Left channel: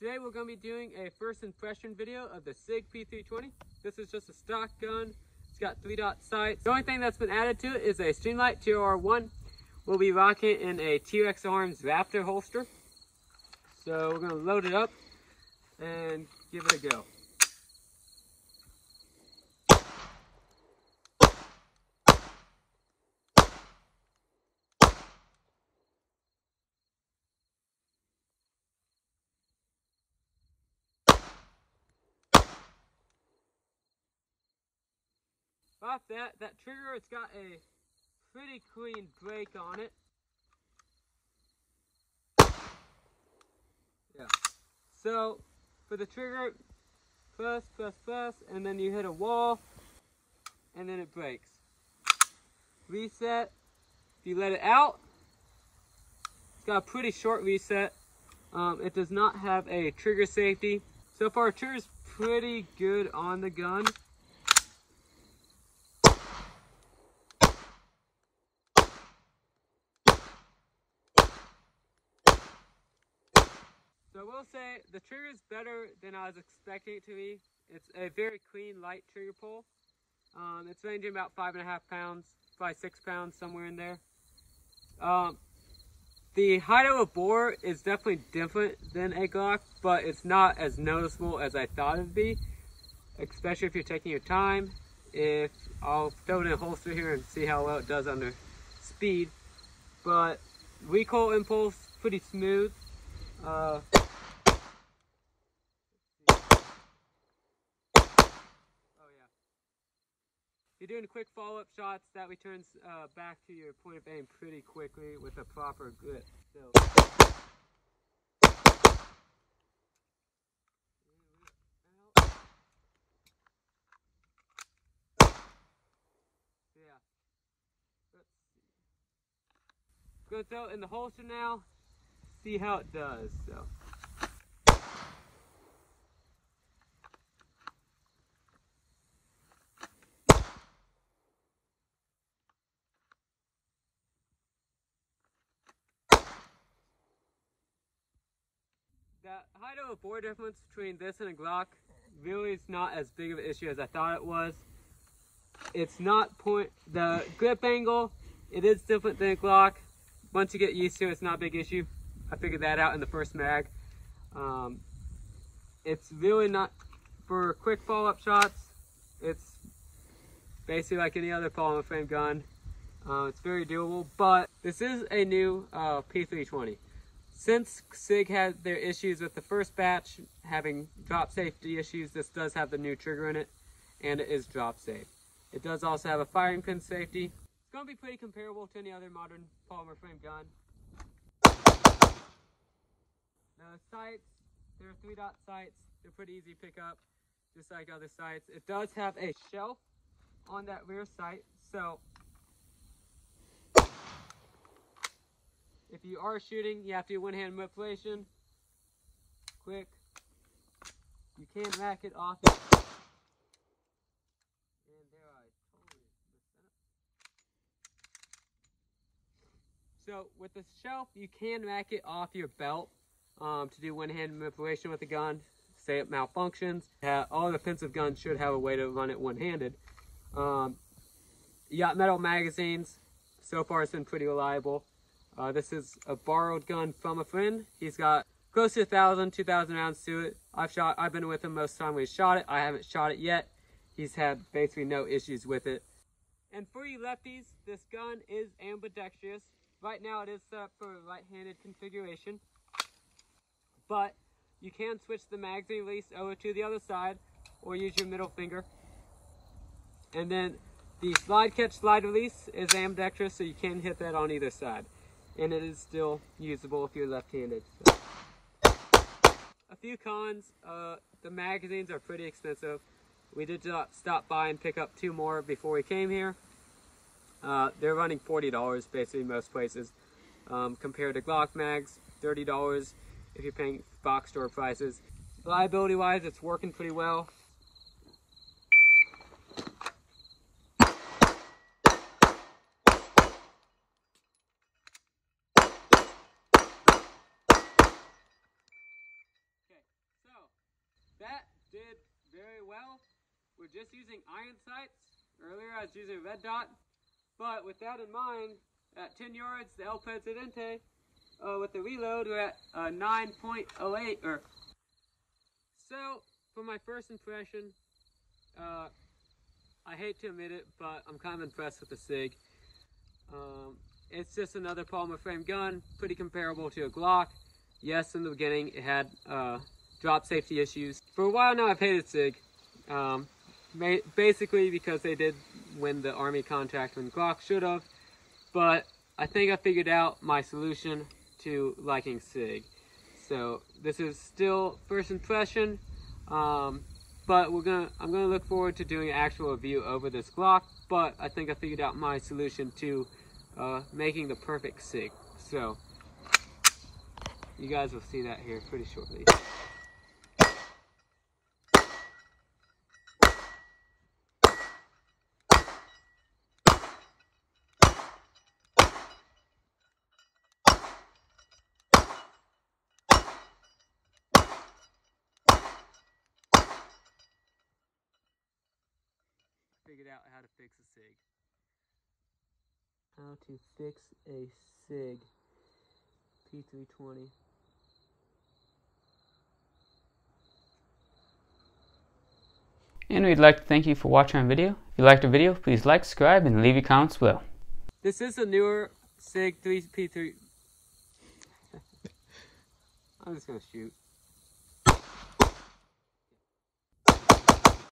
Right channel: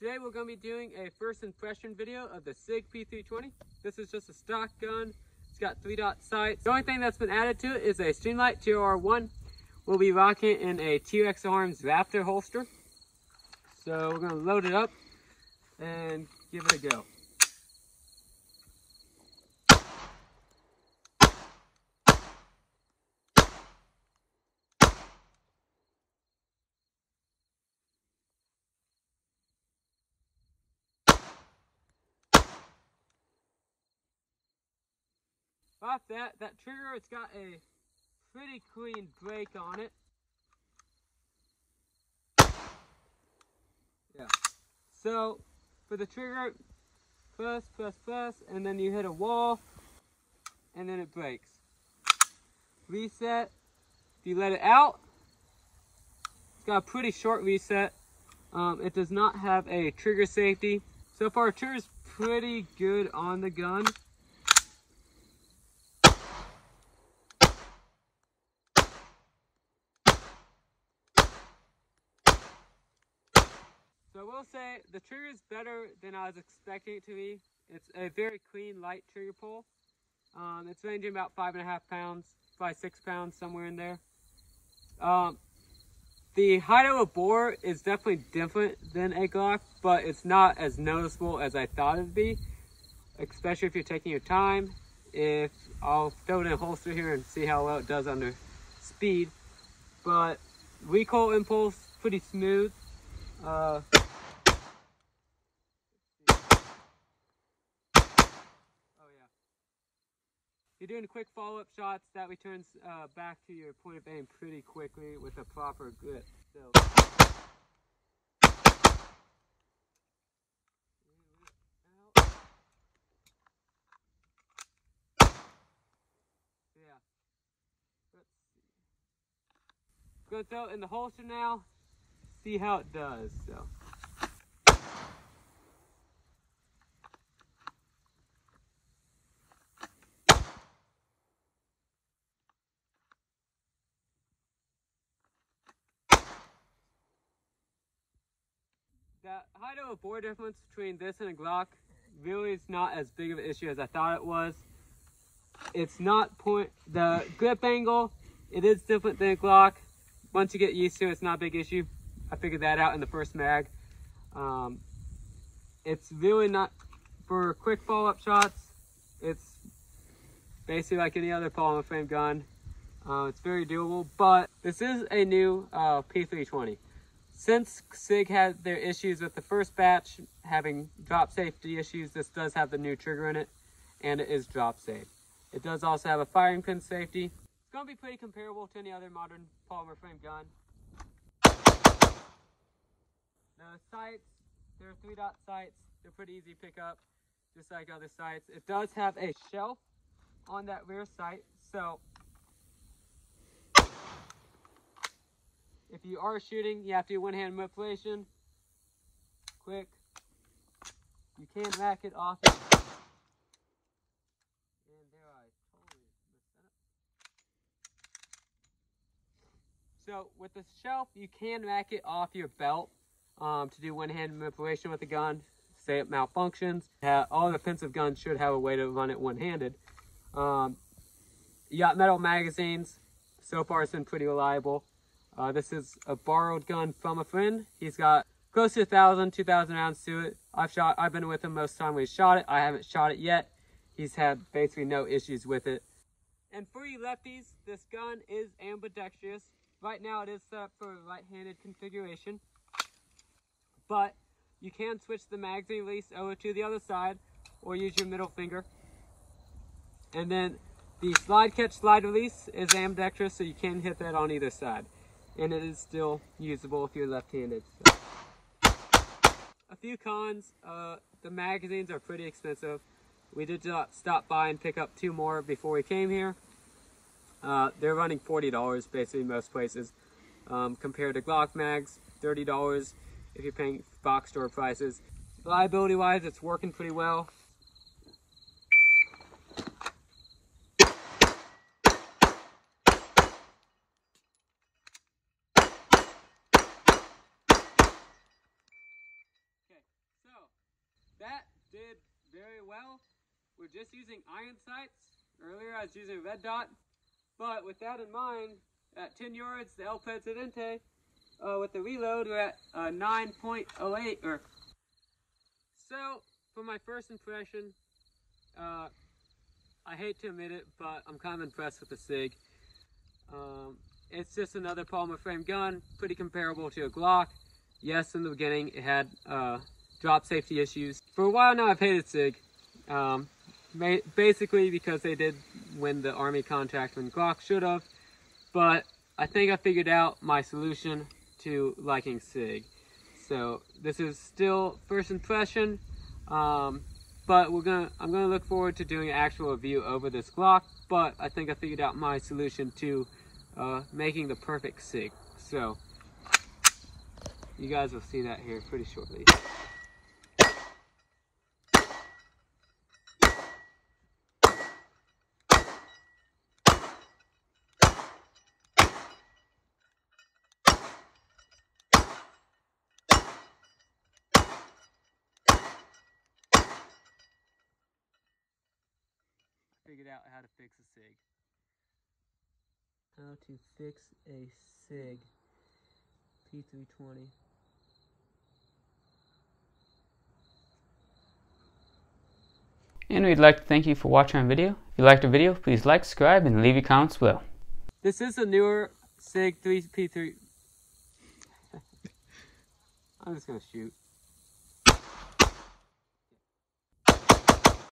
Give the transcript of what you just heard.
Today we're going to be doing a first impression video of the Sig P320. This is just a stock gun. It's got 3-dot sights. The only thing that's been added to it is a Streamlight TR1. We'll be rocking it in a T-Rex Arms Raptor holster. So we're going to load it up and give it a go. Off that trigger, it's got a pretty clean break on it. Yeah. So for the trigger, press, and then you hit a wall, and then it breaks. Reset. If you let it out, it's got a pretty short reset. It does not have a trigger safety. So far, trigger's pretty good on the gun. So I will say the trigger is better than I was expecting it to be. It's a very clean, light trigger pull. It's ranging about 5.5 pounds, probably 6 pounds, somewhere in there. The height of a bore is definitely different than a Glock, but it's not as noticeable as I thought it would be, especially if you're taking your time. I'll throw it in a holster here and see how well it does under speed. But recoil impulse, pretty smooth. You're doing quick follow-up shots, that returns back to your point of aim pretty quickly with a proper grip. So, yeah. Let's see. I'm gonna throw it in the holster now, see how it does. So. The height of a bore difference between this and a Glock really is not as big of an issue as I thought it was. It's not the grip angle, it is different than a Glock. Once you get used to it, it's not a big issue. I figured that out in the first mag. It's really not, for quick follow-up shots, it's basically like any other polymer frame gun. It's very doable, but this is a new P320. Since Sig had their issues with the first batch having drop safety issues, this does have the new trigger in it, and it is drop safe. It does also have a firing pin safety. It's going to be pretty comparable to any other modern polymer frame gun. The sights, they're 3-dot sights. They're pretty easy to pick up, just like other sights. It does have a shelf on that rear sight, so if you are shooting, you have to do one-hand manipulation. Quick. You can rack it off. And there, I totally messed that up. So with the shelf, you can rack it off your belt to do one-hand manipulation with the gun. Say it malfunctions. All defensive guns should have a way to run it one-handed. You got metal magazines. So far, it's been pretty reliable. This is a borrowed gun from a friend. He's got close to 1,000, 2,000 rounds to it. I've been with him most of the time we shot it. I haven't shot it yet. He's had basically no issues with it. And for you lefties, this gun is ambidextrous. Right now it is set up for a right-handed configuration. But you can switch the magazine release over to the other side or use your middle finger. And then the slide catch slide release is ambidextrous, so you can hit that on either side. And it is still usable if you're left-handed. So. A few cons, the magazines are pretty expensive. We did stop by and pick up 2 more before we came here. They're running $40 basically most places. Compared to Glock mags, $30 if you're paying box store prices. Reliability-wise, it's working pretty well. well. We're just using iron sights. Earlier I was using a red dot, but with that in mind, at 10 yards, the El Presidente, with the reload, we're at 9.08. So, for my first impression, I hate to admit it, but I'm kind of impressed with the Sig. It's just another polymer frame gun, pretty comparable to a Glock. Yes, in the beginning it had drop safety issues. For a while now I've hated Sig, basically because they did win the Army contract when Glock should have, but I think I figured out my solution to liking Sig. So this is still first impression, but I'm gonna look forward to doing an actual review over this Glock, but I think I figured out my solution to making the perfect Sig. So you guys will see that here pretty shortly. Figured out how to fix a Sig. How to fix a Sig P320. And we'd like to thank you for watching our video. If you liked our video, please like, subscribe, and leave your comments below. This is a newer Sig P3. I'm just gonna shoot.